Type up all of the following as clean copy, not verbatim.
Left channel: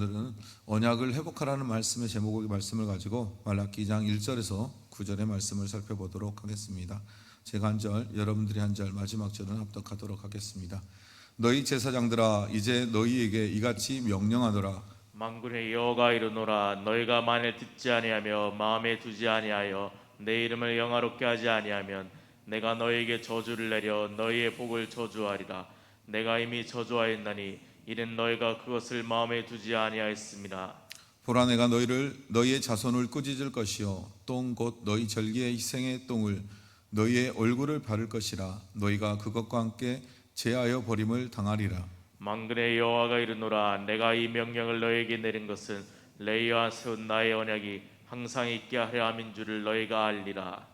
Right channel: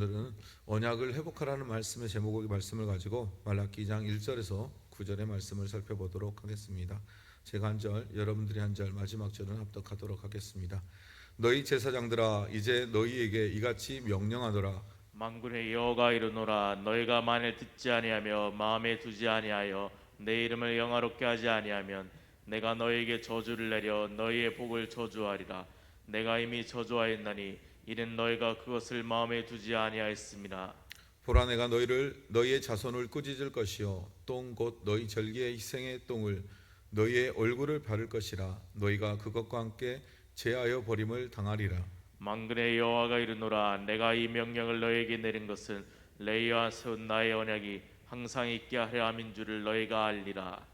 오늘은 언약을 회복하라는 말씀의 제목의 말씀을 가지고 말라기 2장 1절에서 9절의 말씀을 살펴보도록 하겠습니다. 제가 한 절, 여러분들이 한 절, 마지막 절은 합독하도록 하겠습니다. 너희 제사장들아, 이제 너희에게 이같이 명령하노라. 만군의 여호와가 이르노라. 너희가 만일 듣지 아니하며 마음에 두지 아니하여 내 이름을 영화롭게 하지 아니하면 내가 너희에게 저주를 내려 너희의 복을 저주하리라. 내가 이미 저주하였나니 이는 너희가 그것을 마음에 두지 아니하였습니다. 보라, 내가 너희의 자손을 꾸짖을 것이요 똥 곧 너희 절기의 희생의 똥을 너희의 얼굴을 바를 것이라. 너희가 그것과 함께 제하여 버림을 당하리라. 만군의 여호와가 이르노라. 내가 이 명령을 너희에게 내린 것은 레위와 세운 나의 언약이 항상 있게 하려 함인 줄을 너희가 알리라.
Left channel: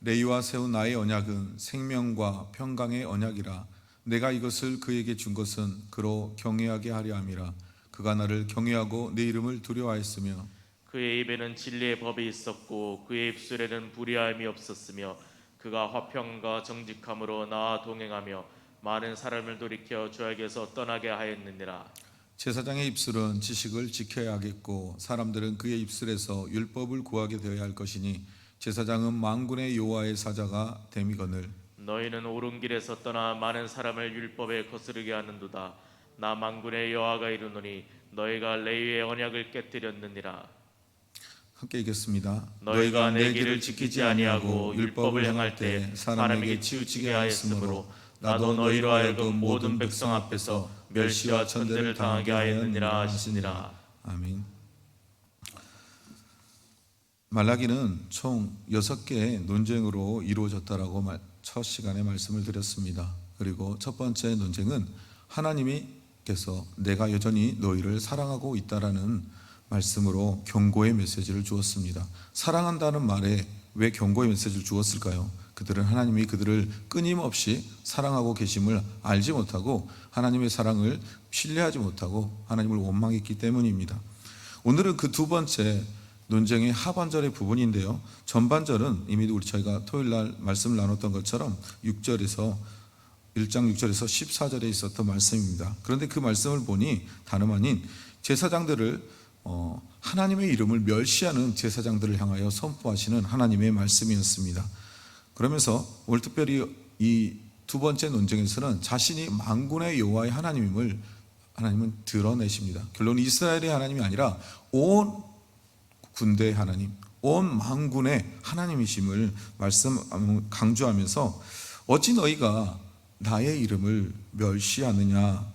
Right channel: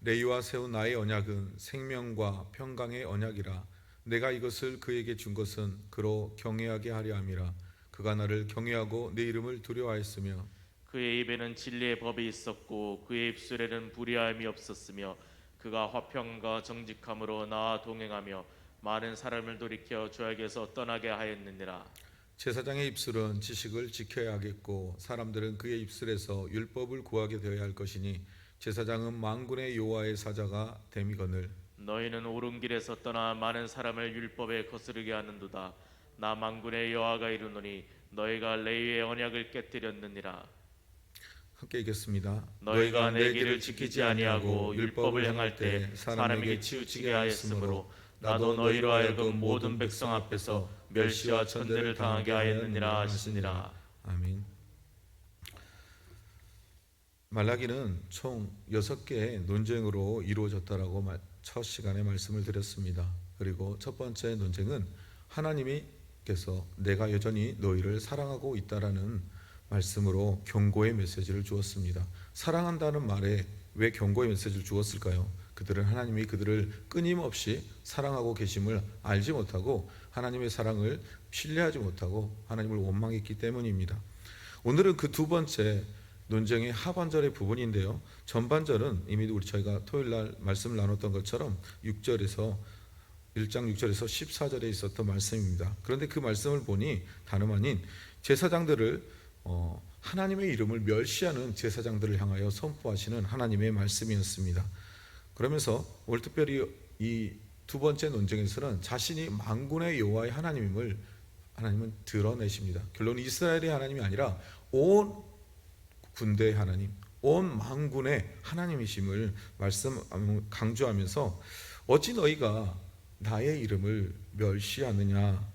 레위와 세운 나의 언약은 생명과 평강의 언약이라. 내가 이것을 그에게 준 것은 그로 경외하게 하려 함이라. 그가 나를 경외하고 내 이름을 두려워하였으며 그의 입에는 진리의 법이 있었고 그의 입술에는 불의함이 없었으며 그가 화평과 정직함으로 나와 동행하며 많은 사람을 돌이켜 죄악에서 떠나게 하였느니라. 제사장의 입술은 지식을 지켜야 하겠고 사람들은 그의 입술에서 율법을 구하게 되어야 할 것이니 제사장은 만군의 여호와의 사자가 됨이거늘. 너희는 옳은 길에서 떠나 많은 사람을 율법에 거스르게 하는도다. 나 만군의 여호와가 이르노니 너희가 레위의 언약을 깨뜨렸느니라. 함께 읽겠습니다. 너희가 내 길을 지키지 아니하고 율법을 행할 때 사람에게 치우치게 하였으므로 나도 너희로 하여금 모든 백성 앞에서 멸시와 천대를 당하게 하였느니라 하시니라. 아멘. 말라기는 총 6개의 논쟁으로 이루어졌다라고 첫 시간에 말씀을 드렸습니다. 그리고 첫 번째 논쟁은 하나님께서 내가 여전히 너희를 사랑하고 있다라는 말씀으로 경고의 메시지를 주었습니다. 사랑한다는 말에 왜 경고의 메시지를 주었을까요? 그들은 하나님이 그들을 끊임없이 사랑하고 계심을 알지 못하고 하나님의 사랑을 신뢰하지 못하고 하나님을 원망했기 때문입니다. 오늘은 그 두 번째 논쟁의 하반절의 부분인데요, 전반절은 이미 저희가 토요일날 말씀을 나눴던 것처럼 1장 6절에서 14절에 있었던 말씀입니다. 그런데 그 말씀을 보니 다름 아닌 제사장들을 하나님의 이름을 멸시하는 제사장들을 향하여 선포하시는 하나님의 말씀이었습니다. 그러면서 오늘 특별히 이 두 번째 논쟁에서는 자신이 만군의 여호와의 하나님은 드러내십니다. 결론 이스라엘의 하나님이 아니라 온 군대의 하나님, 온 만군의 하나님이심을 강조하면서 어찌 너희가 나의 이름을 멸시하느냐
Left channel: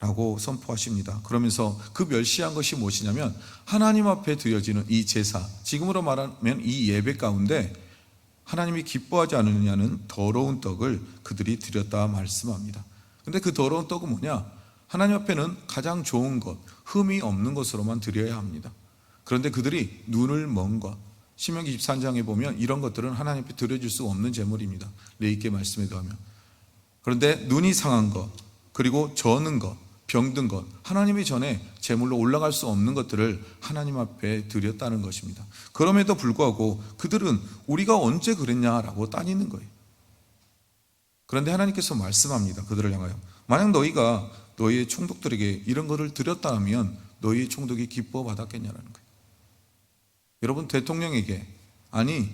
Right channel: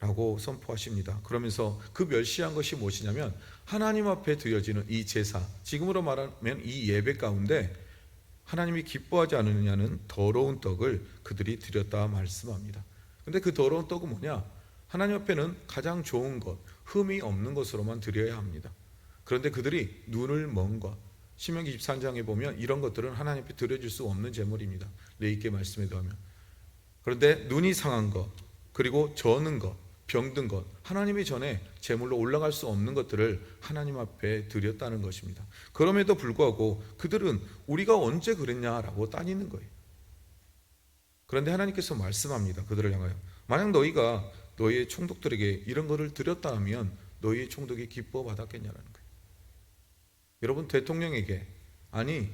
라고 선포하십니다. 그러면서 그 멸시한 것이 무엇이냐면 하나님 앞에 드려지는 이 제사, 지금으로 말하면 이 예배 가운데 하나님이 기뻐하지 않느냐는 더러운 떡을 그들이 드렸다 말씀합니다. 그런데 그 더러운 떡은 뭐냐? 하나님 앞에는 가장 좋은 것, 흠이 없는 것으로만 드려야 합니다. 그런데 그들이 눈을 먼 것, 신명기 23장에 보면 이런 것들은 하나님 앞에 드려질 수 없는 제물입니다. 레위기 말씀에 더하면. 그런데 눈이 상한 것, 그리고 저는 것, 병든 것, 하나님이 전에 제물로 올라갈 수 없는 것들을 하나님 앞에 드렸다는 것입니다. 그럼에도 불구하고 그들은 우리가 언제 그랬냐라고 따지는 거예요. 그런데 하나님께서 말씀합니다. 그들을 향하여 만약 너희가 너희의 총독들에게 이런 것을 드렸다면 너희의 총독이 기뻐 받았겠냐라는 거예요. 여러분, 대통령에게, 아니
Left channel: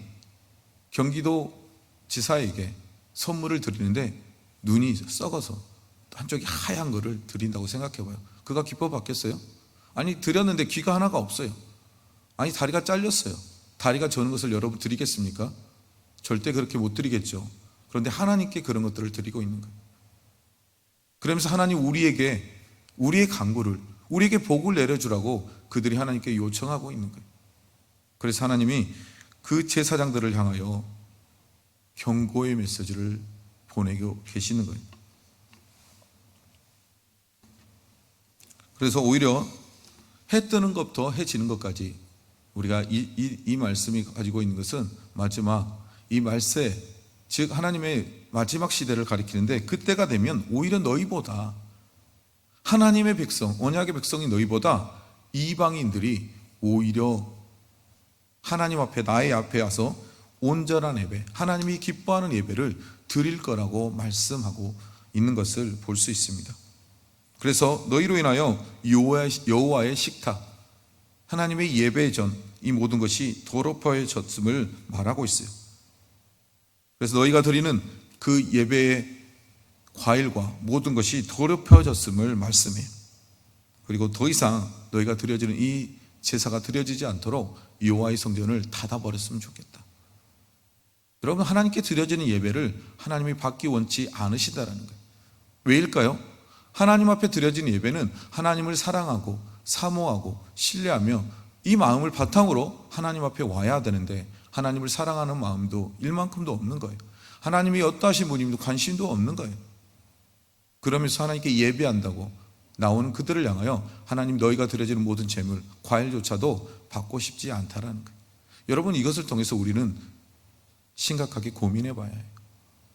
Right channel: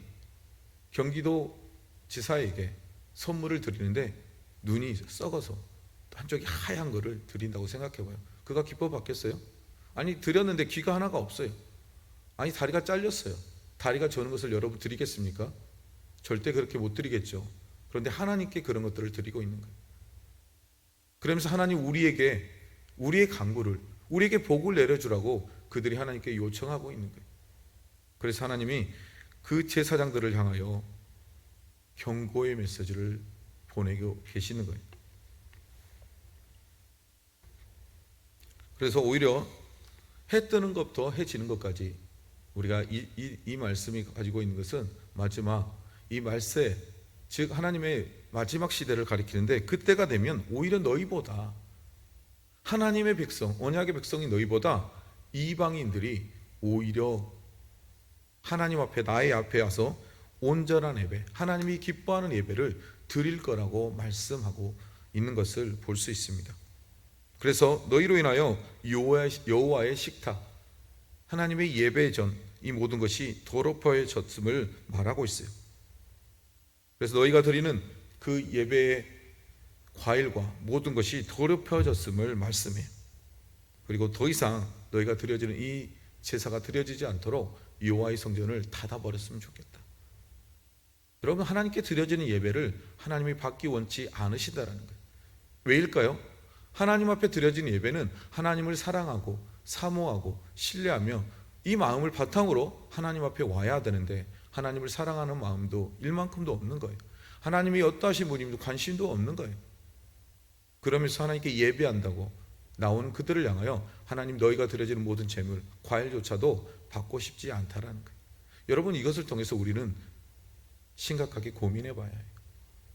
경기도 지사에게 선물을 드리는데 눈이 썩어서 한쪽이 하얀 거를 드린다고 생각해봐요. 그가 기뻐 받겠어요? 아니, 드렸는데 귀가 하나가 없어요. 아니, 다리가 잘렸어요. 다리가 저는 것을 여러분 드리겠습니까? 절대 그렇게 못 드리겠죠. 그런데 하나님께 그런 것들을 드리고 있는 거예요. 그러면서 하나님 우리의 간구를, 우리에게 복을 내려주라고 그들이 하나님께 요청하고 있는 거예요. 그래서 하나님이 그 제사장들을 향하여 경고의 메시지를 보내고 계시는 거예요. 그래서 오히려 해 뜨는 것부터 해 지는 것까지 우리가 이 말씀이 가지고 있는 것은 마지막 이 말세, 즉 하나님의 마지막 시대를 가리키는데, 그때가 되면 오히려 너희보다, 하나님의 백성, 언약의 백성이 너희보다 이방인들이 오히려 하나님 앞에, 나의 앞에 와서 온전한 예배, 하나님이 기뻐하는 예배를 드릴 거라고 말씀하고 있는 것을 볼 수 있습니다. 그래서 너희로 인하여 여호와의 식탁, 하나님의 예배 전, 이 모든 것이 더럽혀졌음을 말하고 있어요. 그래서 너희가 드리는 그 예배의 과일과 모든 것이 더럽혀졌음을 말씀해요. 그리고 더 이상 너희가 드려지는 이 제사가 드려지지 않도록 여호와의 성전을 닫아버렸으면 좋겠다. 여러분, 하나님께 드려지는 예배를 하나님이 받기 원치 않으시다라는 거예요. 왜일까요? 하나님 앞에 드려지는 예배는 하나님을 사랑하고 사모하고 신뢰하며 이 마음을 바탕으로 하나님 앞에 와야 되는데, 하나님을 사랑하는 마음도 일만큼도 없는 거예요. 하나님이 어떠하신 분임도 관심도 없는 거예요. 그러면서 하나님께 예배한다고 나오는 그들을 향하여 하나님, 너희가 드려지는 모든 재물, 과일조차도 받고 싶지 않다라는 거예요. 여러분, 이것을 통해서 우리는 심각하게 고민해 봐야 해요.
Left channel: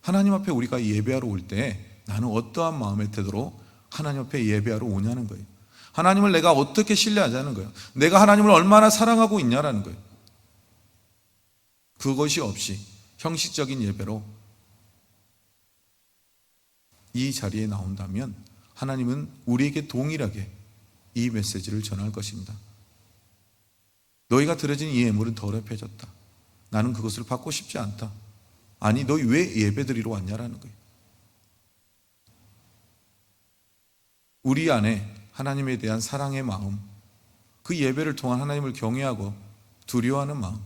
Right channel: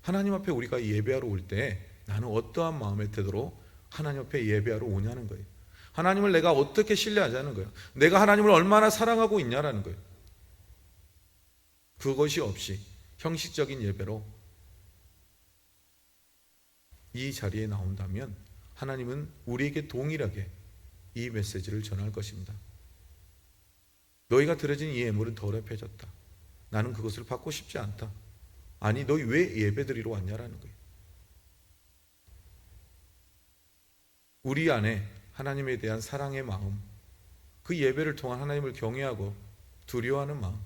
하나님 앞에 우리가 예배하러 올 때 나는 어떠한 마음의 태도로 하나님 앞에 예배하러 오냐는 거예요. 하나님을 내가 어떻게 신뢰하자는 거예요. 내가 하나님을 얼마나 사랑하고 있냐라는 거예요. 그것이 없이 형식적인 예배로 이 자리에 나온다면 하나님은 우리에게 동일하게 이 메시지를 전할 것입니다. 너희가 드려진 이 예물은 더럽혀졌다. 나는 그것을 받고 싶지 않다. 아니, 너희 왜 예배드리러 왔냐라는 거예요. 우리 안에 하나님에 대한 사랑의 마음, 그 예배를 통한 하나님을 경외하고 두려워하는 마음,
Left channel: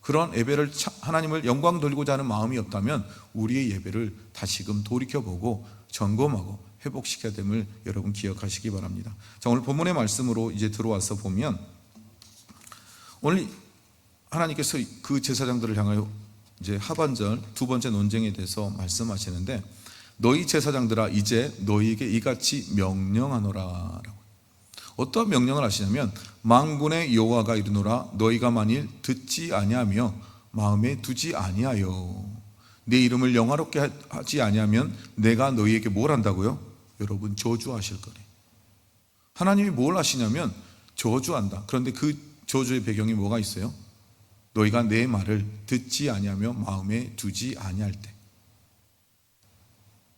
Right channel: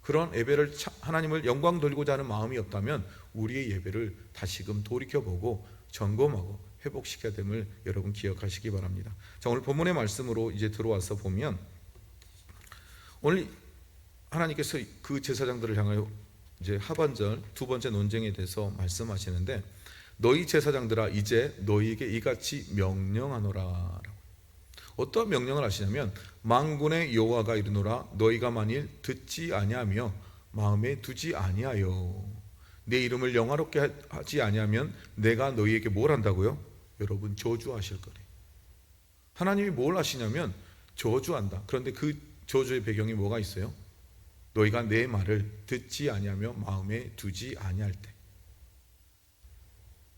그런 예배를 하나님을 영광 돌리고자 하는 마음이 없다면 우리의 예배를 다시금 돌이켜보고 점검하고 회복시켜야 됨을 여러분 기억하시기 바랍니다. 자, 오늘 본문의 말씀으로 이제 들어와서 보면, 오늘 하나님께서 그 제사장들을 향하여 이제 하반절 두 번째 논쟁에 대해서 말씀하시는데, 너희 제사장들아 이제 너희에게 이같이 명령하노라. 어떠한 명령을 하시냐면, 만군의 여호와가 이르노라 너희가 만일 듣지 아니하며 마음에 두지 아니하여 내 이름을 영화롭게 하지 아니하면 내가 너희에게 뭘 한다고요? 여러분, 저주하실 거래. 하나님이 뭘 하시냐면 저주한다. 그런데 그 저주의 배경이 뭐가 있어요? 너희가 내 말을 듣지 아니하며 마음에 두지 아니할 때,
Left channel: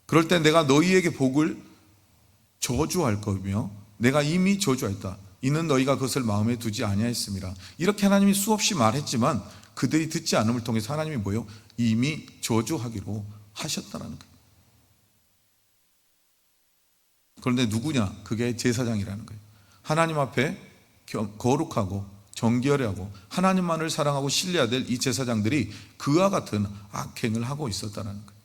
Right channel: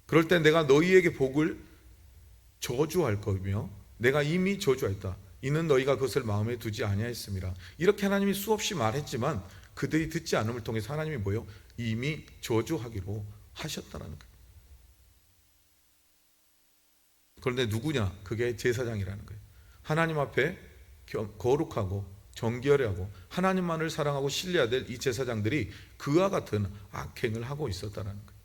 그럴 때 내가 너희에게 복을 저주할 거며 내가 이미 저주했다. 이는 너희가 그것을 마음에 두지 아니하였습니다. 이렇게 하나님이 수없이 말했지만 그들이 듣지 않음을 통해서 하나님이 뭐예요? 이미 저주하기로 하셨다는 거예요. 그런데 누구냐? 그게 제사장이라는 거예요. 하나님 앞에 거룩하고 정결하고 하나님만을 사랑하고 신뢰해야 될 이 제사장들이 그와 같은 악행을 하고 있었다는 거예요.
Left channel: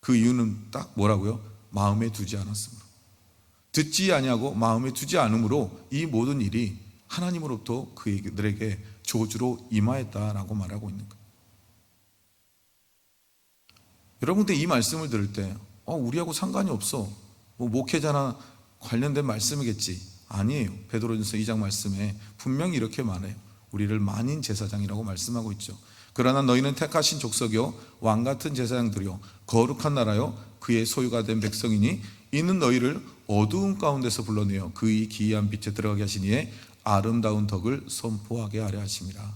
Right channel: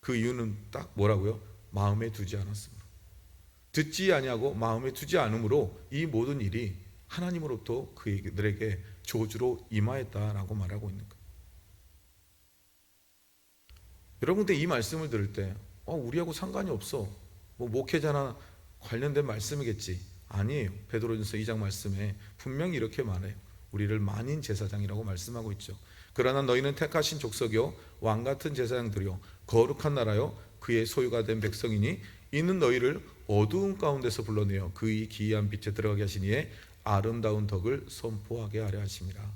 그 이유는 딱 뭐라고요? 마음에 두지 않았으므로, 듣지 아니하고 마음에 두지 않으므로 이 모든 일이 하나님으로부터 그들에게 저주로 임하였다라고 말하고 있는 거예요. 여러분들 이 말씀을 들을 때 우리하고 상관이 없어, 뭐 목회자나 관련된 말씀이겠지. 아니에요. 베드로전서 2장 말씀에 분명히 이렇게 말해요. 우리를 만인 제사장이라고 말씀하고 있죠. 그러나 너희는 택하신 족속이요 왕같은 제사장들이요 거룩한 나라요 그의 소유가 된 백성이니 이는 너희를 어두운 가운데서 불러내어 그의 기이한 빛에 들어가게 하시니에 아름다운 덕을 선포하게 하려 하심이라.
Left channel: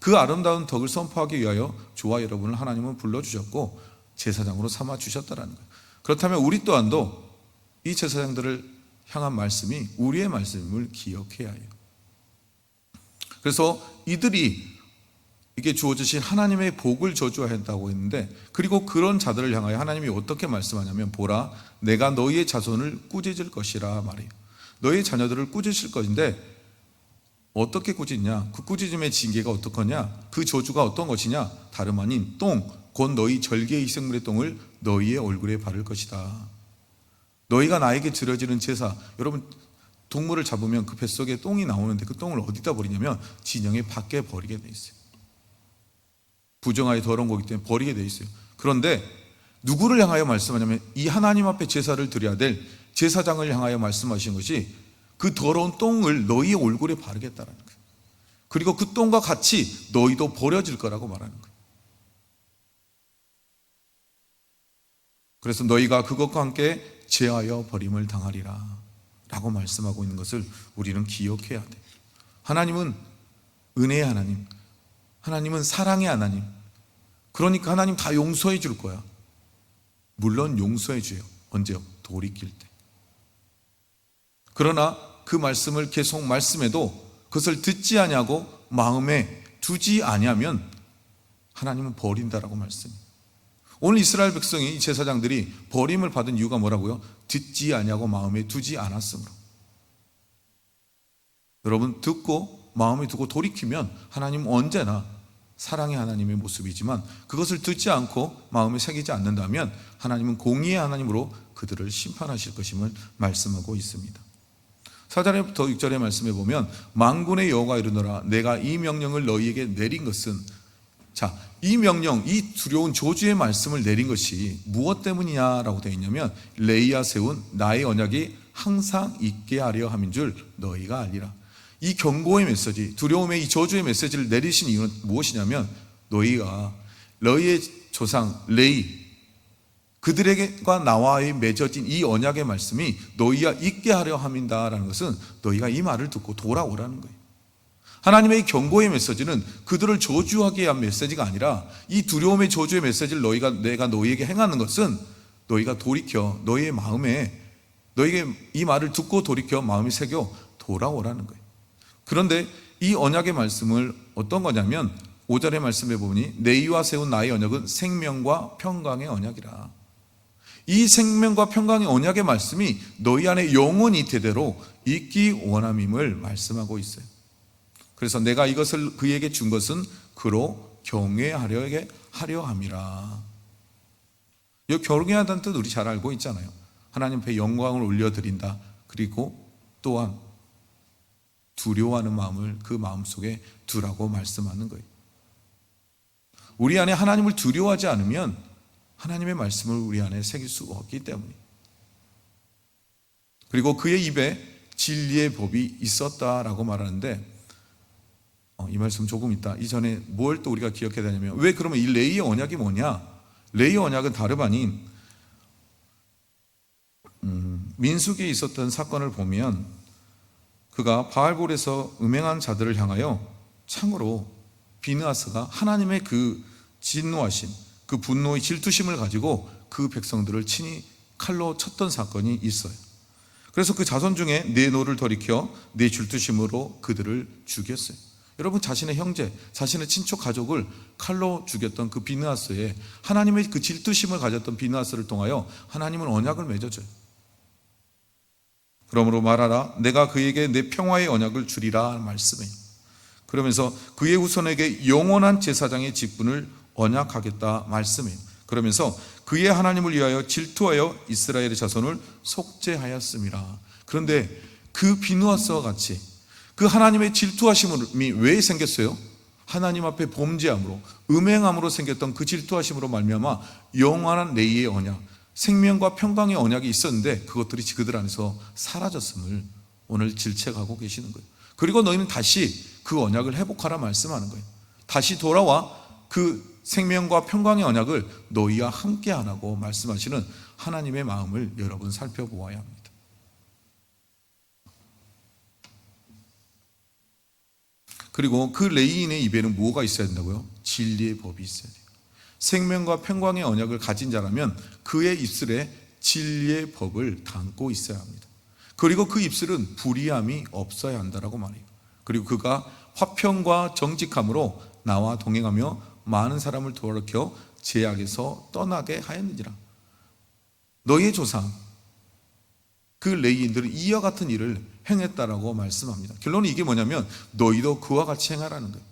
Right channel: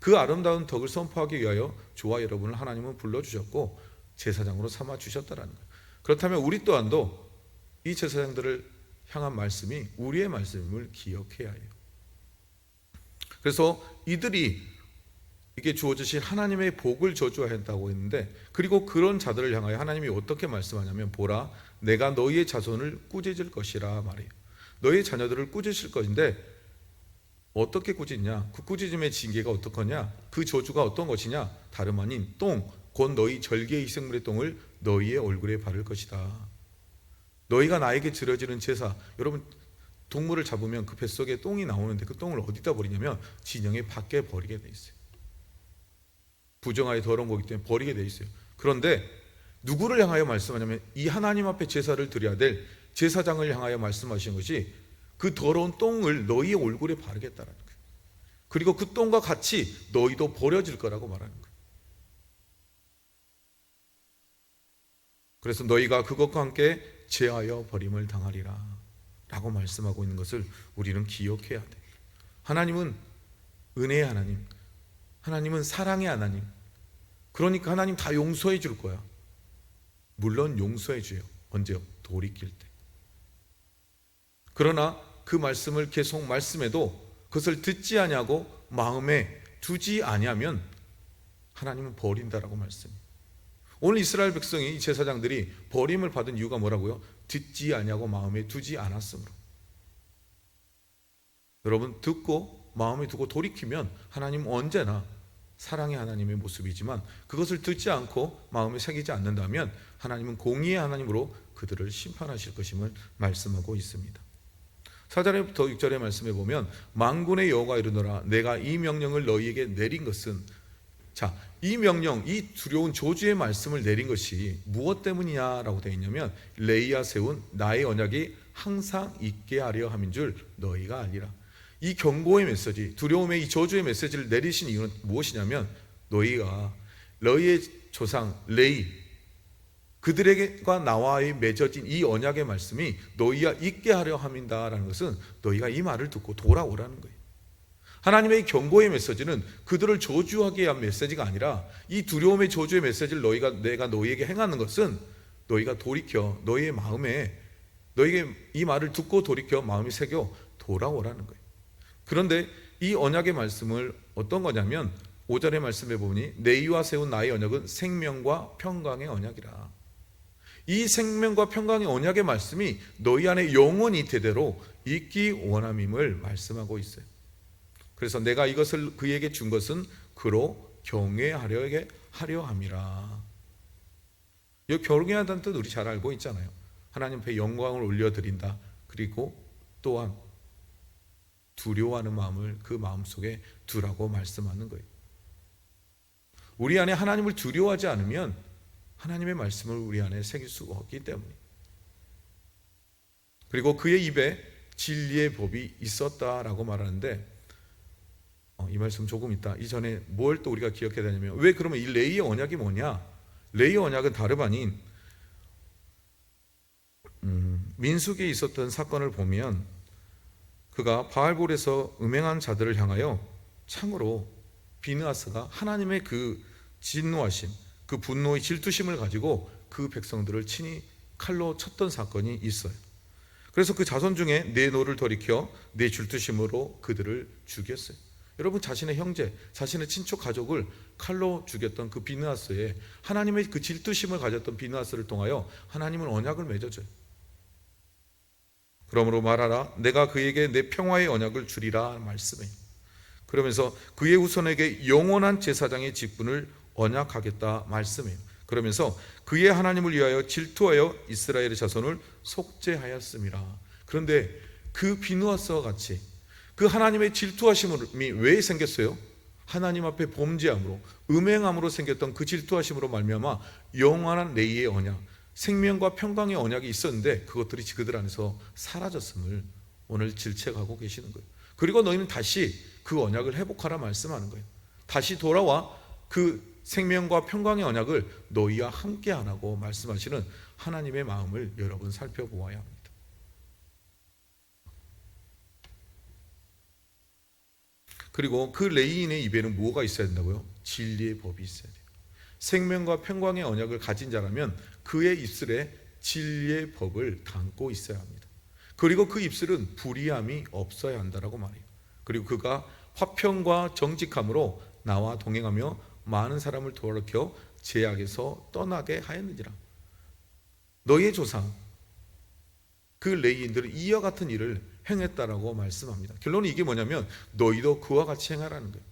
그 아름다운 덕을 선포하기 위하여 저와 여러분을 하나님은 불러주셨고 제사장으로 삼아 주셨다라는 거예요. 그렇다면 우리 또한도 이 제사장들을 향한 말씀이 우리의 말씀을 기억해야 해요. 그래서 이들이 이게 주어지신 하나님의 복을 저주한다고 했는데, 그리고 그런 자들을 향하여 하나님이 어떻게 말씀하냐면, 보라 내가 너희의 자손을 꾸짖을 것이라 말해요. 너희의 자녀들을 꾸짖을 것인데 어떻게 꾸짖냐? 그 꾸짖음의 징계가 어떻거냐? 그 저주가 어떤 것이냐? 다름 아닌 똥, 곧 너희 절개의 희생물의 똥을 너희의 얼굴에 바를 것이다. 너희가 나에게 드려지는 제사, 여러분 동물을 잡으면 그 뱃속에 똥이 나오는데 그 똥을 어디다 버리냐면 진영의 밖에 버리게 돼 있어요. 부정하여 더러운 거기 때문에 버리게 돼 있어요. 그런데 누구를 향하여 말씀하냐면 이 하나님 앞에 제사를 드려야 될 제사장을 향하여 말씀하신 것이 그 더러운 똥을 너희의 얼굴에 바르겠다라는 거예요. 그리고 그 똥과 같이 너희도 버려질 거라고 말하는 거예요. 그래서 너희가 그것과 함께 제하여 버림을 당하리라 라고 말씀하고 있는 것을 우리는 기억해야 돼. 하나님은 은혜의 하나님, 하나님은 사랑의 하나님. 그러니까 하나님 다 용서해 줄 거야. 물론 용서해 줘요. 언제요? 돌이킬 때. 그러나 그 말씀을 계속 말씀해도 그것을 듣지 아니하고 마음에 두지 아니하면 하나님은 버린다라고 말씀해요. 오늘 이스라엘 백성이, 이 제사장들이 버림을 받은 이유가 뭐라고요? 듣지 아니하고 마음에 두지 않았으므로. 여러분, 듣고 마음에 두고 돌이키면 하나님은 언제나 사랑의 하나님의 모습이지만, 그것을 듣지 않고 마음에 새기지 않는다면 하나님은 공의의 하나님으로 그들을 심판하실 것임을 말씀하고 있습니다. 4절부터 6절의 말씀에 보면, 만군의 여호와가 이르노라 내가 이 명령을 너희에게 내린 것은, 자, 이 명령, 이 두려운 저주의 말씀을 내린 것이 무엇 때문이냐라고 되어 있냐면, 레이아 세운 나의 언약이 항상 있게 하려 함인 줄 너희가 알리라. 이 경고의 메시지, 두려움의 이 저주의 메시지를 내리신 이유는 무엇이냐면, 너희가 너희의 조상 레이, 그들에게과 나와의 맺어진 이 언약의 말씀이 너희가 있게 하려 함이다라는 것은 너희가 이 말을 듣고 돌아오라는 거예요. 하나님의 경고의 메시지는 그들을 저주하게 한 메시지가 아니라, 이 두려움의 저주의 메시지를 내가 너희에게 행하는 것은 너희가 돌이켜 너희의 마음에, 너희에게 이 말을 듣고 돌이켜 마음이 새겨 돌아오라는 거예요. 그런데 이 언약의 말씀을 어떤 거냐면, 5절의 말씀에 보니 너희와 세운 나의 언약은 생명과 평강의 언약이라. 이 생명과 평강의 언약의 말씀이 너희 안에 영원히 대대로 있기 원함임을 말씀하고 있어요. 그래서 내가 이것을 그에게 준 것은 그로 경외하려 함이라. 이 경외하다는 뜻 우리 잘 알고 있잖아요. 하나님 앞에 영광을 올려드린다. 그리고 또한 두려워하는 마음을 그 마음속에 두라고 말씀하는 거예요. 우리 안에 하나님을 두려워하지 않으면 하나님의 말씀을 우리 안에 새길 수가 없기 때문에. 그리고 그의 입에 진리의 법이 있었다라고 말하는데, 이 말씀 조금 있다. 이전에 뭘 또 우리가 기억해야 되냐면, 왜 그러면 이 레이의 언약이 뭐냐? 레이의 언약은 다름 아닌 민수기에 있었던 사건을 보면, 그가 바알볼에서 음행한 자들을 향하여 창으로 비느하스가 하나님의 그 진노하심, 그 분노의 질투심을 가지고 그 백성들을 친히 칼로 쳤던 사건이 있어요. 그래서 그 자손 중에 내 노를 돌이켜 내 질투심으로 그들을 죽였어요. 여러분, 자신의 형제, 자신의 친척 가족을 칼로 죽였던 그 비느하스에, 하나님의 그 질투심을 가졌던 비느하스를 통하여 하나님은 언약을 맺어줘요. 그러므로 말하라, 내가 그에게 내 평화의 언약을 주리라 말씀해요. 그러면서 그의 후손에게 영원한 제사장의 직분을 언약하겠다 말씀해요. 그러면서 그의 하나님을 위하여 질투하여 이스라엘의 자손을 속죄하였음이라. 그런데 그 비느하스와 같이 그 하나님의 질투하심이 왜 생겼어요? 하나님 앞에 범죄함으로, 음행함으로 생겼던 그 질투하심으로 말미암아 영원한 레이의 언약, 생명과 평강의 언약이 있었는데 그것들이 그들 안에서 사라졌음을 오늘 질책하고 계시는 거예요. 그리고 너희는 다시 그 언약을 회복하라 말씀하는 거예요. 다시 돌아와 그 생명과 평강의 언약을 너희와 함께 하라고 말씀하시는 하나님의 마음을 여러분 살펴보아야 합니다. 그리고 그 레위인의 입에는 뭐가 있어야 된다고요? 진리의 법이 있어야 돼요. 생명과 평강의 언약을 가진 자라면 그의 입술에 진리의 법을 담고 있어야 합니다. 그리고 그 입술은 불의함이 없어야 한다라고 말해요. 그리고 그가 화평과 정직함으로 나와 동행하며 많은 사람을 돌이켜 죄악에서 떠나게 하였느니라. 너희의 조상 그 레위인들은 이와 같은 일을 행했다라고 말씀합니다. 결론은 이게 뭐냐면 너희도 그와 같이 행하라는 거예요.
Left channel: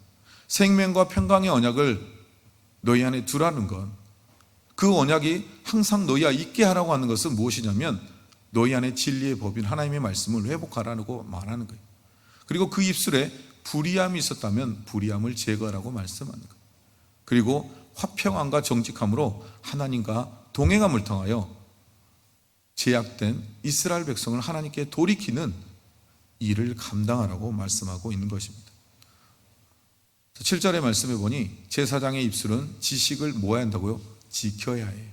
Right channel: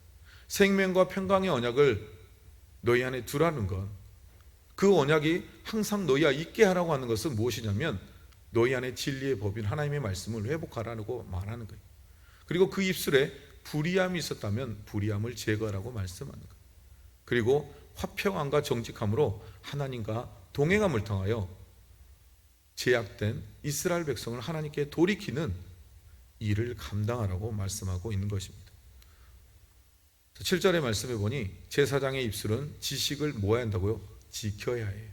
생명과 평강의 언약을 너희 안에 두라는 것, 그 언약이 항상 너희와 있게 하라고 하는 것은 무엇이냐면 너희 안에 진리의 법인 하나님의 말씀을 회복하라고 말하는 거예요. 그리고 그 입술에 불의함이 있었다면 불의함을 제거하라고 말씀하는 거예요. 그리고 화평함과 정직함으로 하나님과 동행함을 통하여 제약된 이스라엘 백성을 하나님께 돌이키는 일을 감당하라고 말씀하고 있는 것입니다. 7절의 말씀에 보니 제사장의 입술은 지식을 모아야 한다고요? 지켜야 해요.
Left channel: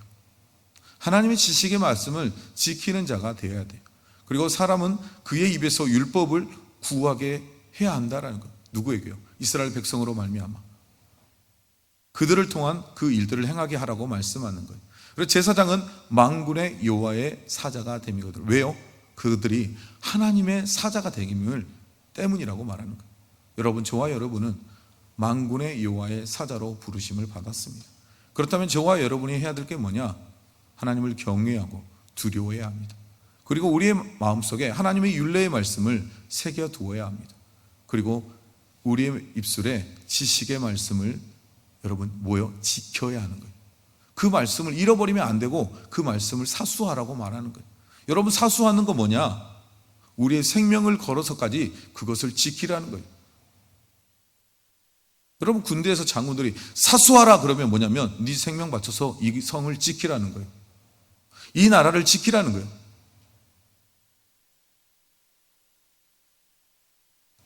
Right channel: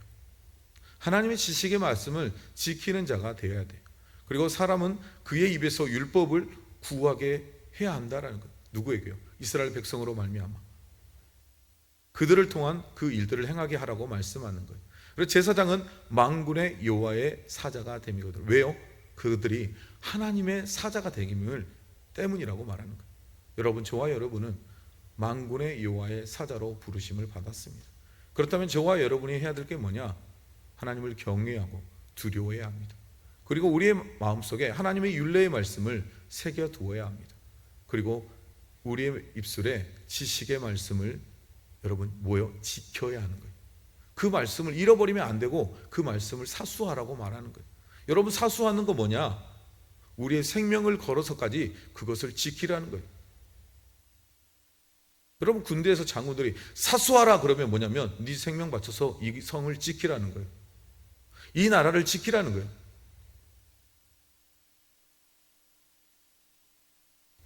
하나님의 지식의 말씀을 지키는 자가 되어야 돼요. 그리고 사람은 그의 입에서 율법을 구하게 해야 한다라는 것. 누구에게요? 이스라엘 백성으로 말미암아 그들을 통한 그 일들을 행하게 하라고 말씀하는 거예요. 그래서 제사장은 만군의 여호와의 사자가 됨이거든. 왜요? 그들이 하나님의 사자가 됨을 때문이라고 말하는 거예요. 여러분, 저와 여러분은 만군의 여호와의 사자로 부르심을 받았습니다. 그렇다면 저와 여러분이 해야 될 게 뭐냐? 하나님을 경외하고 두려워해야 합니다. 그리고 우리의 마음속에 하나님의 율례의 말씀을 새겨 두어야 합니다. 그리고 우리의 입술에 지식의 말씀을 여러분 지켜야 하는 거예요. 그 말씀을 잃어버리면 안 되고 그 말씀을 사수하라고 말하는 거예요. 여러분, 사수하는 거 뭐냐? 우리의 생명을 걸어서까지 그것을 지키라는 거예요. 여러분, 군대에서 장군들이 사수하라 그러면 뭐냐면 네 생명 바쳐서 이 성을 지키라는 거예요. 이 나라를 지키라는 거예요.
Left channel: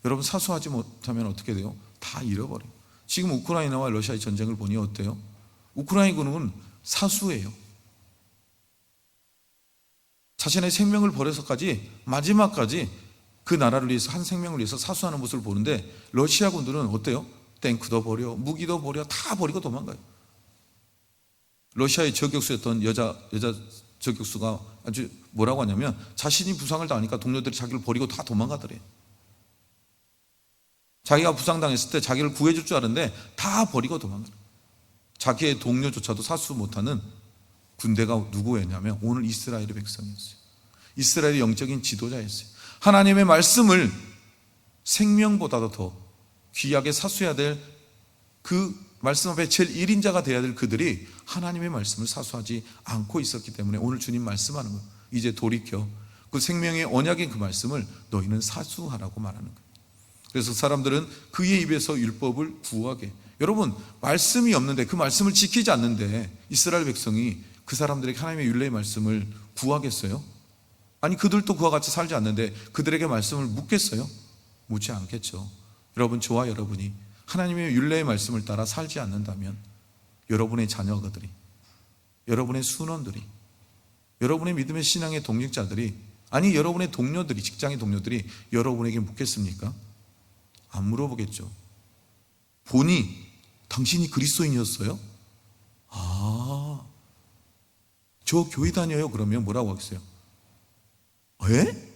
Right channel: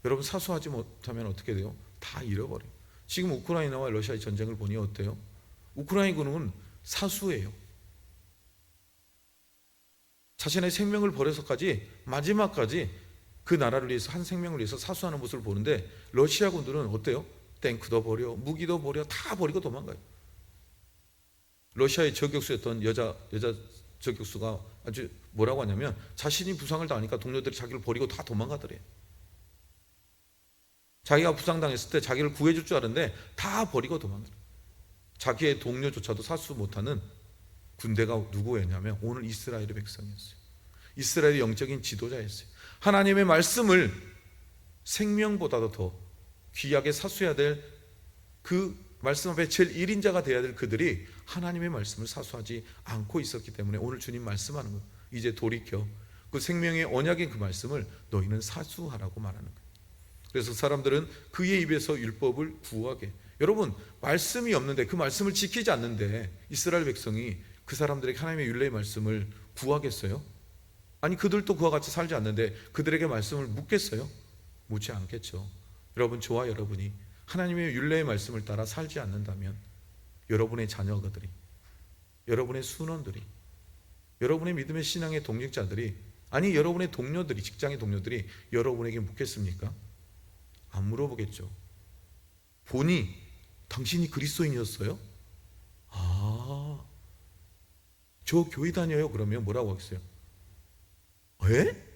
여러분, 사수하지 못하면 어떻게 돼요? 다 잃어버려요. 지금 우크라이나와 러시아의 전쟁을 보니 어때요? 우크라이나군은 사수예요. 자신의 생명을 버려서까지 마지막까지 그 나라를 위해서, 한 생명을 위해서 사수하는 모습을 보는데, 러시아군들은 어때요? 탱크도 버려, 무기도 버려, 다 버리고 도망가요. 러시아의 저격수였던 여자 저격수가 아주 뭐라고 하냐면, 자신이 부상을 당하니까 동료들이 자기를 버리고 다 도망가더래요. 자기가 부상당했을 때 자기를 구해줄 줄 알았는데 다 버리고 도망가요. 자기의 동료조차도 사수 못하는 군대가 누구였냐면 오늘 이스라엘의 백성이었어요. 이스라엘의 영적인 지도자였어요. 하나님의 말씀을 생명보다도 더 귀하게 사수해야 될, 그 말씀 앞에 제일 1인자가 되어야 될 그들이 하나님의 말씀을 사수하지 않고 있었기 때문에 오늘 주님 말씀하는 거예요. 이제 돌이켜 그 생명의 언약인 그 말씀을 너희는 사수하라고 말하는 거예요. 그래서 사람들은 그의 입에서 율법을 구하게, 여러분, 말씀이 없는데, 그 말씀을 지키지 않는데 이스라엘 백성이 그 사람들에게 하나님의 율례의 말씀을 구하겠어요? 아니, 그들도 그와 같이 살지 않는데 그들에게 말씀을 묻겠어요? 묻지 않겠죠. 여러분, 저와 여러분이 하나님의 율례의 말씀을 따라 살지 않는다면 여러분의 자녀들이, 여러분의 순원들이, 여러분의 믿음의 신앙의 동역자들이, 아니 여러분의 동료들이, 직장의 동료들이 여러분에게 묻겠습니까? 안 물어보겠죠. 보니 당신이 그리스도인이었어요? 저 교회 다녀요. 그러면 뭐라고 하겠어요? 에?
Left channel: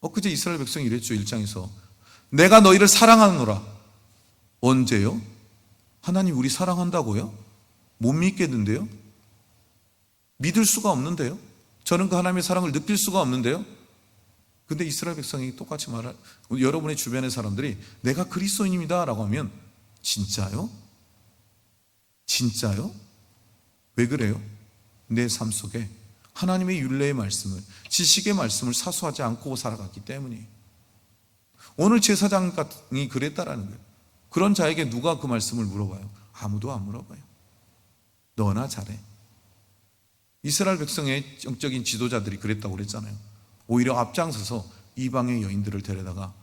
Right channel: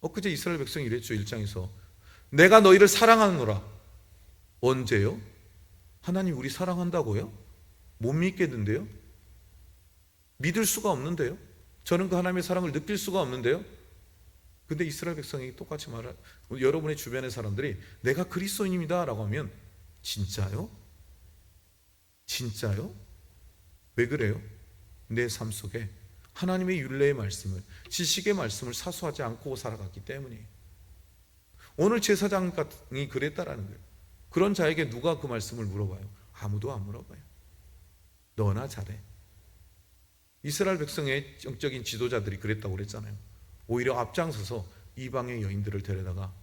엊그제 이스라엘 백성이 이랬죠. 1장에서 내가 너희를 사랑하노라. 언제요? 하나님 우리 사랑한다고요? 못 믿겠는데요? 믿을 수가 없는데요? 저는 그 하나님의 사랑을 느낄 수가 없는데요? 근데 이스라엘 백성이 똑같이 여러분의 주변의 사람들이 내가 그리스도인입니다 라고 하면 진짜요? 진짜요? 왜 그래요? 내 삶 속에 하나님의 율례의 말씀을, 지식의 말씀을 사수하지 않고 살아갔기 때문이에요. 오늘 제사장이 그랬다라는 거예요. 그런 자에게 누가 그 말씀을 물어봐요? 아무도 안 물어봐요. 너나 잘해. 이스라엘 백성의 영적인 지도자들이 그랬다고 그랬잖아요. 오히려 앞장서서 이방의 여인들을 데려다가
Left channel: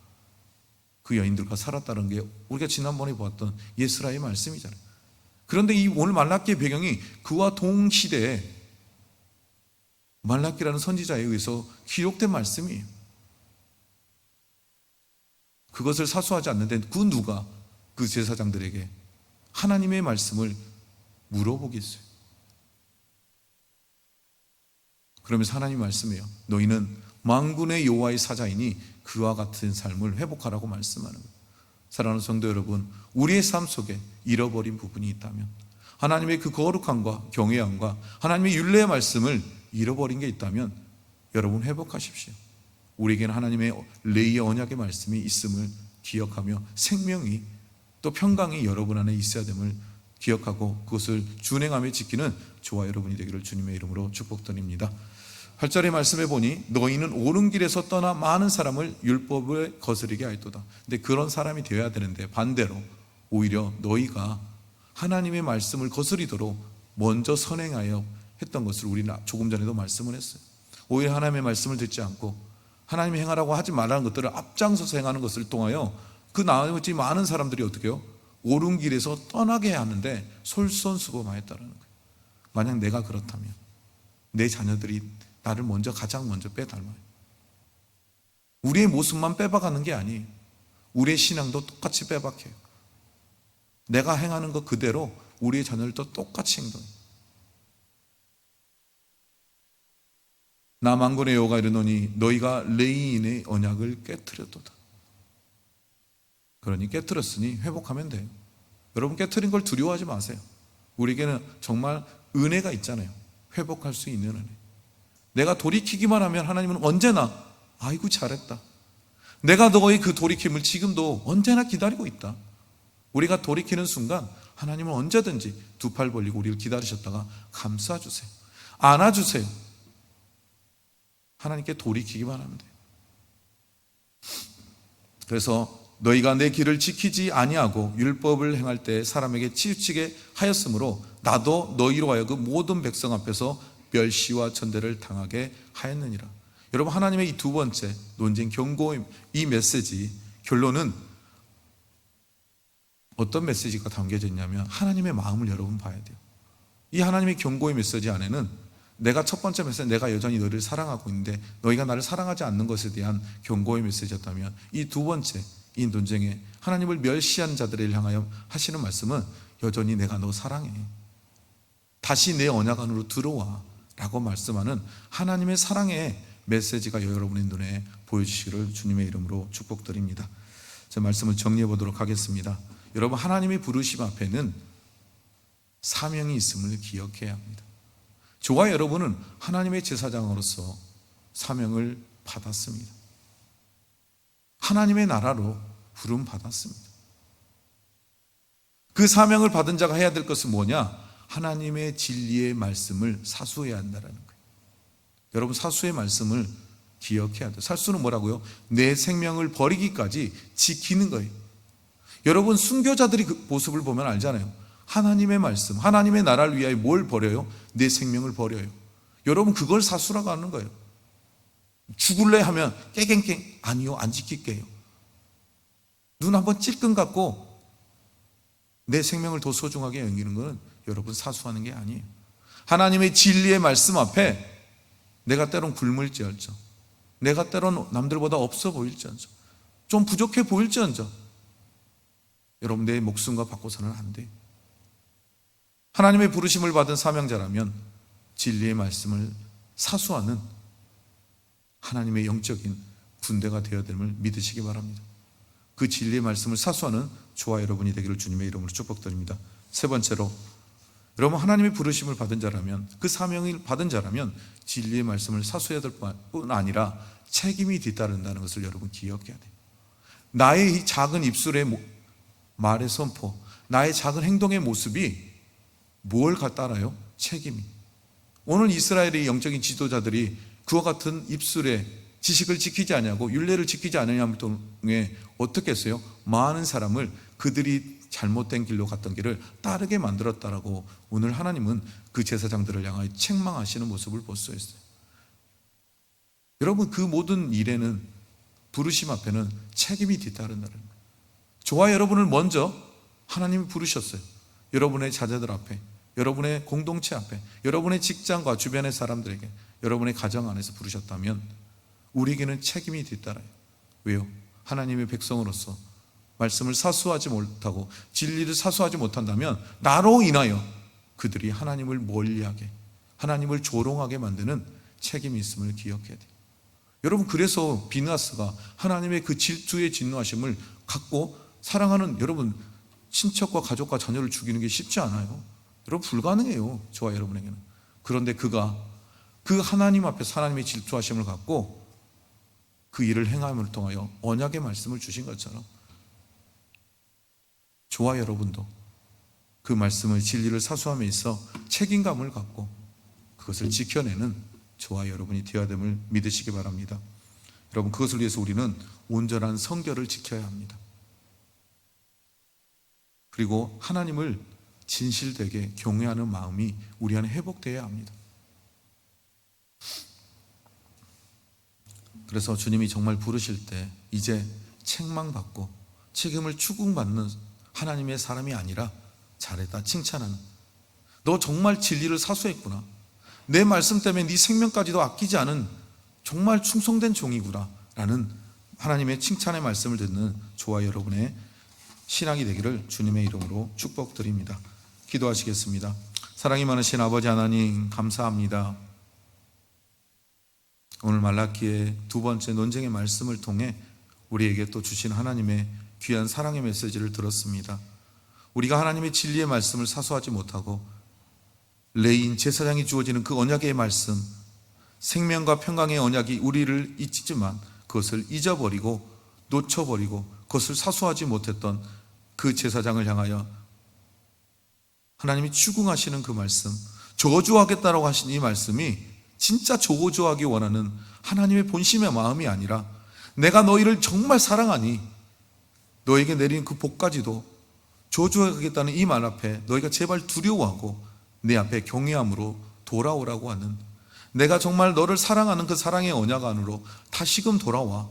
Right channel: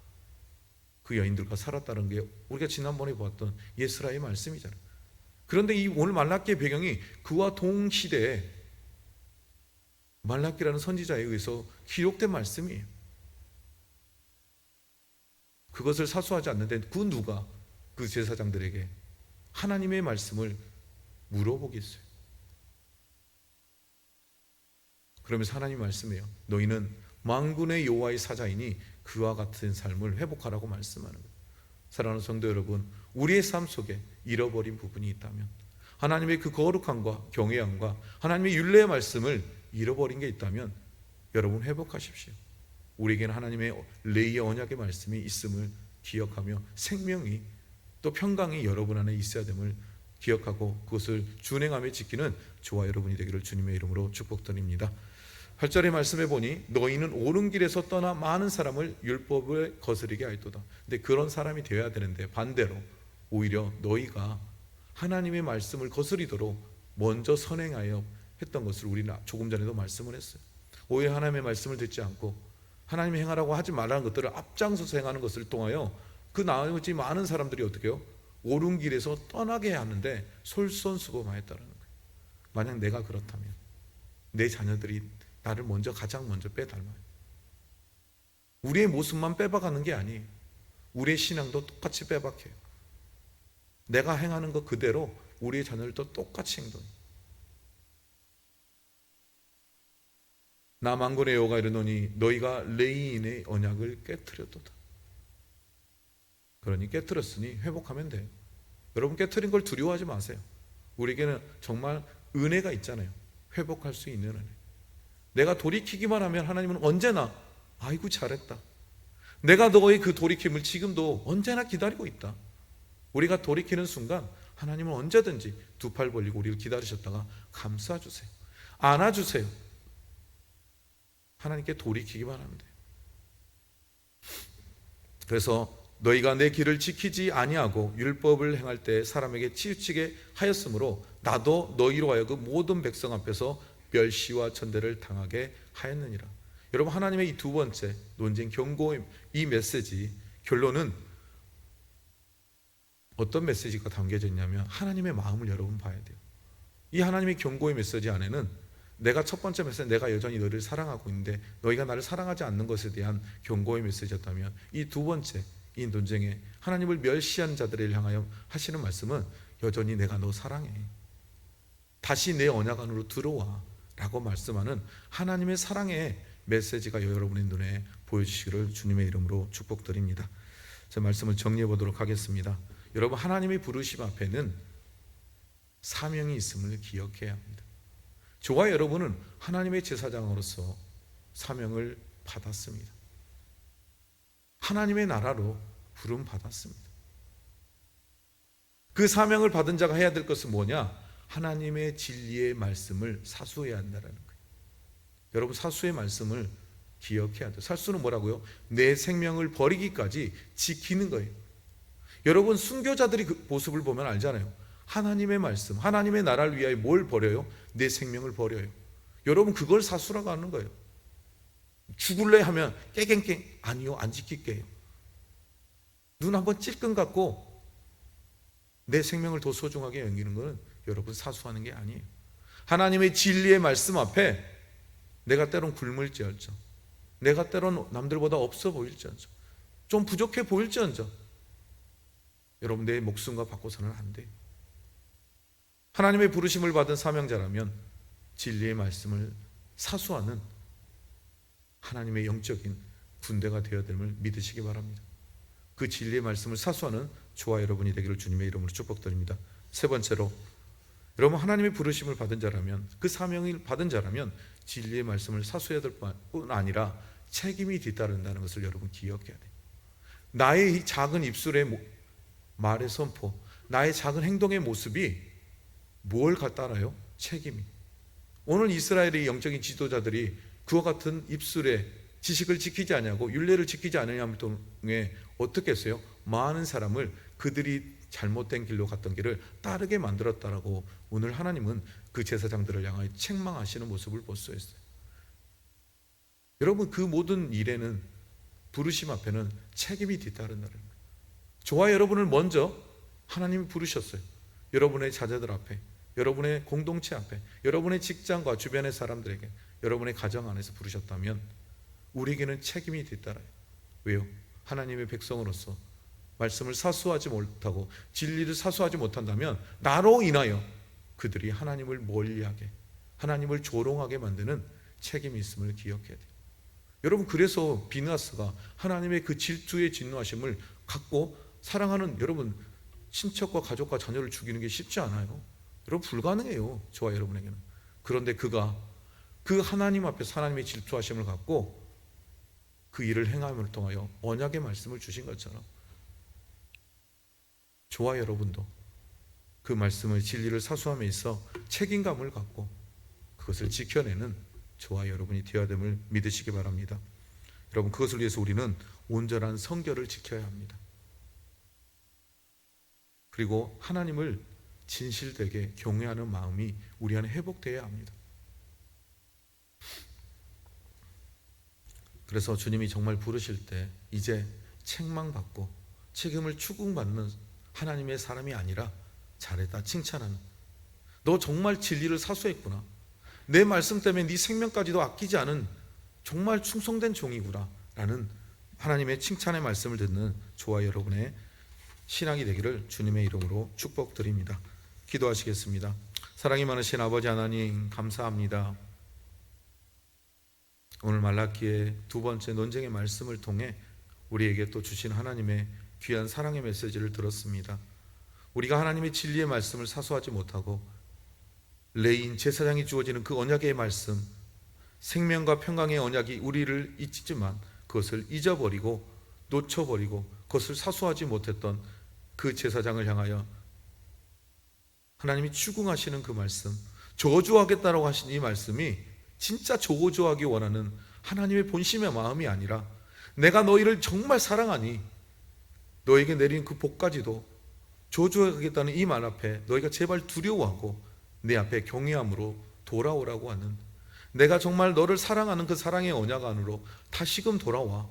그 여인들과 살았다는 게 우리가 지난번에 보았던 예스라의 말씀이잖아요. 그런데 이 오늘 말라기의 배경이 그와 동시대에 말라기라는 선지자에 의해서 기록된 말씀이에요. 그것을 사수하지 않는데 그 누가 그 제사장들에게 하나님의 말씀을 물어보겠어요? 그러면서 하나님 말씀해요. 너희는 만군의 여호와의 사자이니 그와 같은 삶을 회복하라고 말씀하는 거예요. 사랑하는 성도 여러분, 우리의 삶 속에 잃어버린 부분이 있다면, 하나님의 그 거룩함과 경외함과 하나님의 율례의 말씀을 잃어버린 게 있다면 여러분 회복하십시오. 우리에게는 하나님의 레이의 언약의 말씀이 있음을 기억하며 생명이 또 평강이 여러분 안에 있어야 됨을 기억하고 그것을 준행하며 지키는 저와 여러분이 되기를 주님의 이름으로 축복드립니다. 8절의 말씀에 보니 너희는 옳은 길에서 떠나 많은 사람을 율법을 거스르게 하였도다. 근데 그런 사람이 되어야 되는데 반대로 오히려 너희가 하나님의 말씀을 거스리도록 먼저 선행하여 했던 것을 우리는 조금 전에도 말씀을 했어요. 오히려 하나님의 말씀을 듣지 않고 하나님이 행하라고 하지 말라는 것들을 앞장서서 행하는 것을 통하여 그 나머지 많은 사람들이 어떻게 해요? 옳은 길에서 떠나게 하는데 솔선수범하였다는 거예요. 만약 내가 그렇다면 내 자녀들이 나를 가장 먼저 빼닮아요. 우리의 모습만 빼박하는 게 아니에요. 우리의 신앙도 똑같이 빼박해요. 내가 행하는 것 그대로 우리의 자녀들도 똑같이 행동해요. 나 만군의 여호와가 이르노니 너희가 레위인의 언약을 깨뜨렸도다. 그러니 깨뜨렸으니 회복하면 돼요. 여러분, 깨뜨린 걸 두려워하지 마세요. 우리에게는 정말 은혜가 있잖아요. 회복할 수 있는 은혜. 내가 돌이키기만 하면 하나님은 언제나 아이고 잘했다, 내가 너의 그 돌이킴을 지금도 언제나 기다리고 있다. 우리가 돌이키는 순간 하나님은 언제든지 두 팔 벌리고 우리를 기다리셨다가 감싸주세요. 안아주세요. 하나님께 돌이키기만 하면 돼요. 그래서 너희가 내 길을 지키지 아니하고 율법을 행할 때 사람에게 치우치게 하였으므로 나도 너희로 하여금 모든 백성 앞에서 멸시와 천대를 당하게 하였느니라. 여러분, 하나님의 이 두 번째 논쟁, 경고, 이 메시지 결론은 어떤 메시지가 담겨져 있냐면 하나님의 마음을 여러분 봐야 돼요. 이 하나님의 경고의 메시지 안에는 내가 첫 번째 메시지, 내가 여전히 너희를 사랑하고 있는데 너희가 나를 사랑하지 않는 것에 대한 경고의 메시지였다면, 이 두 번째 이 논쟁에 하나님을 멸시한 자들을 향하여 하시는 말씀은 여전히 내가 너 사랑해, 다시 내 언약 안으로 들어와 라고 말씀하는 하나님의 사랑의 메시지가 여러분의 눈에 보여주시기를 주님의 이름으로 축복드립니다. 제 말씀을 정리해 보도록 하겠습니다. 여러분, 하나님의 부르심 앞에는 사명이 있음을 기억해야 합니다. 저와 여러분은 하나님의 제사장으로서 사명을 받았습니다. 하나님의 나라로 부름 받았습니다. 그 사명을 받은 자가 해야 될 것은 뭐냐? 하나님의 진리의 말씀을 사수해야 한다는 거예요. 여러분, 사수의 말씀을 기억해야 돼요. 사수는 뭐라고요? 내 생명을 버리기까지 지키는 거예요. 여러분, 순교자들이 그 모습을 보면 알잖아요. 하나님의 말씀, 하나님의 나라를 위하여 뭘 버려요? 내 생명을 버려요. 여러분, 그걸 사수라고 하는 거예요. 죽을래 하면 깨갱깽, 아니요, 안 지킬게요. 눈 한번 찔끔 감고 내 생명을 더 소중하게 여기는 것은 여러분 사수하는 게 아니에요. 하나님의 진리의 말씀 앞에 내가 때론 굶을지언정, 내가 때론 남들보다 없어 보일지언정, 좀 부족해 보일지언정, 여러분 내 목숨과 바꿔서는 안 돼요. 하나님의 부르심을 받은 사명자라면 진리의 말씀을 사수하는 하나님의 영적인 군대가 되어야 됨을 믿으시기 바랍니다. 그 진리의 말씀을 사수하는 저와 여러분이 되기를 주님의 이름으로 축복드립니다. 세 번째로, 여러분 하나님의 부르심을 받은 자라면, 그 사명을 받은 자라면 진리의 말씀을 사수해야 될 뿐 아니라 책임이 뒤따른다는 것을 여러분 기억해야 돼요. 나의 이 작은 입술의 말의 선포, 나의 작은 행동의 모습이 뭘 따라요? 책임이. 오늘 이스라엘의 영적인 지도자들이 그와 같은 입술의 지식을 지키지 않냐고, 율례를 지키지 않느냐를 통해 어떻게 했어요? 많은 사람을 그들이 잘못된 길로 갔던 길을 따르게 만들었다라고 오늘 하나님은 그 제사장들을 향하여 책망하시는 모습을 볼 수 있어요. 여러분, 그 모든 일에는, 부르심 앞에는 책임이 뒤따른다는 거예요. 저와 여러분을 먼저 하나님이 부르셨어요. 여러분의 자녀들 앞에, 여러분의 공동체 앞에, 여러분의 직장과 주변의 사람들에게, 여러분의 가정 안에서 부르셨다면 우리에게는 책임이 뒤따라요. 왜요? 하나님의 백성으로서 말씀을 사수하지 못하고 진리를 사수하지 못한다면 나로 인하여 그들이 하나님을 멀리하게, 하나님을 조롱하게 만드는 책임이 있음을 기억해야 돼요. 여러분, 그래서 비느하스가 하나님의 그 질투의 진노하심을 갖고 사랑하는 여러분 친척과 가족과 자녀를 죽이는 게 쉽지 않아요. 여러분, 불가능해요, 저와 여러분에게는. 그런데 그가 그 하나님 앞에서 하나님의 질투하심을 갖고 그 일을 행함을 통하여 언약의 말씀을 주신 것처럼 저와 여러분도 그 말씀의 진리를 사수함에 있어 책임감을 갖고 그것을 지켜내는 저와 여러분이 되어야 됨을 믿으시기 바랍니다. 여러분, 그것을 위해서 우리는 온전한 성결을 지켜야 합니다. 그리고 하나님을 진실되게 경외하는 마음이 우리 안에 회복되어야 합니다. 그래서 주님이 정말 부르실 때 이제 책망받고 책임을 추궁받는 하나님의 사람이 아니라 잘했다, 칭찬하는, 너 정말 진리를 사수했구나, 내 말씀 때문에 네 생명까지도 아끼지 않은 정말 충성된 종이구나 라는 하나님의 칭찬의 말씀을 듣는 저와 여러분의 신앙이 되기를 주님의 이름으로 축복드립니다. 기도하시겠습니다. 사랑이 많으신 아버지 하나님, 감사합니다. 오늘 말라기의 두 번째 논쟁의 말씀을 통해 우리에게 또 주신 하나님의 귀한 사랑의 메시지를 들었습니다. 우리가 하나님의 진리의 말씀을 사수하지 못하고 레인 제사장이 주어지는 그 언약의 말씀, 생명과 평강의 언약이 우리를 잊지만 그것을 잊어버리고 놓쳐버리고 그것을 사수하지 못했던 그 제사장을 향하여 하나님이 추궁하시는 그 말씀, 저주하겠다라고 하신 이 말씀이 진짜 저주하기 원하는 하나님의 본심의 마음이 아니라 내가 너희를 정말 사랑하니 너에게 내린 그 복까지도 저주하겠다는 이 말 앞에 너희가 제발 두려워하고 내 앞에 경외함으로 돌아오라고 하는, 내가 정말 너를 사랑하는 그 사랑의 언약 안으로 다시금 돌아와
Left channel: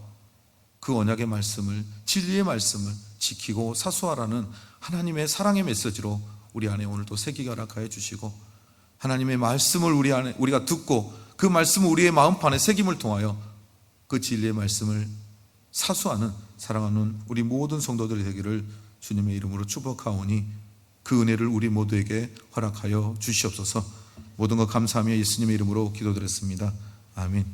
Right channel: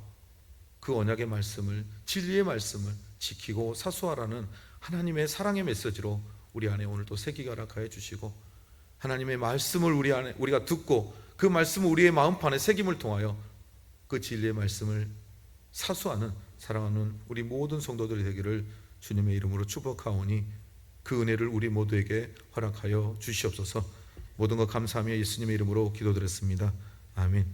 그 언약의 말씀을, 진리의 말씀을 지키고 사수하라는 하나님의 사랑의 메시지로 우리 안에 오늘도 새기게 허락하여 주시고, 하나님의 말씀을 우리 안에 우리가 듣고 그 말씀을 우리의 마음판에 새김을 통하여 그 진리의 말씀을 사수하는, 사랑하는 우리 모든 성도들이 되기를 주님의 이름으로 축복하오니 그 은혜를 우리 모두에게 허락하여 주시옵소서. 모든 것 감사하며 예수님의 이름으로 기도드렸습니다. 아멘.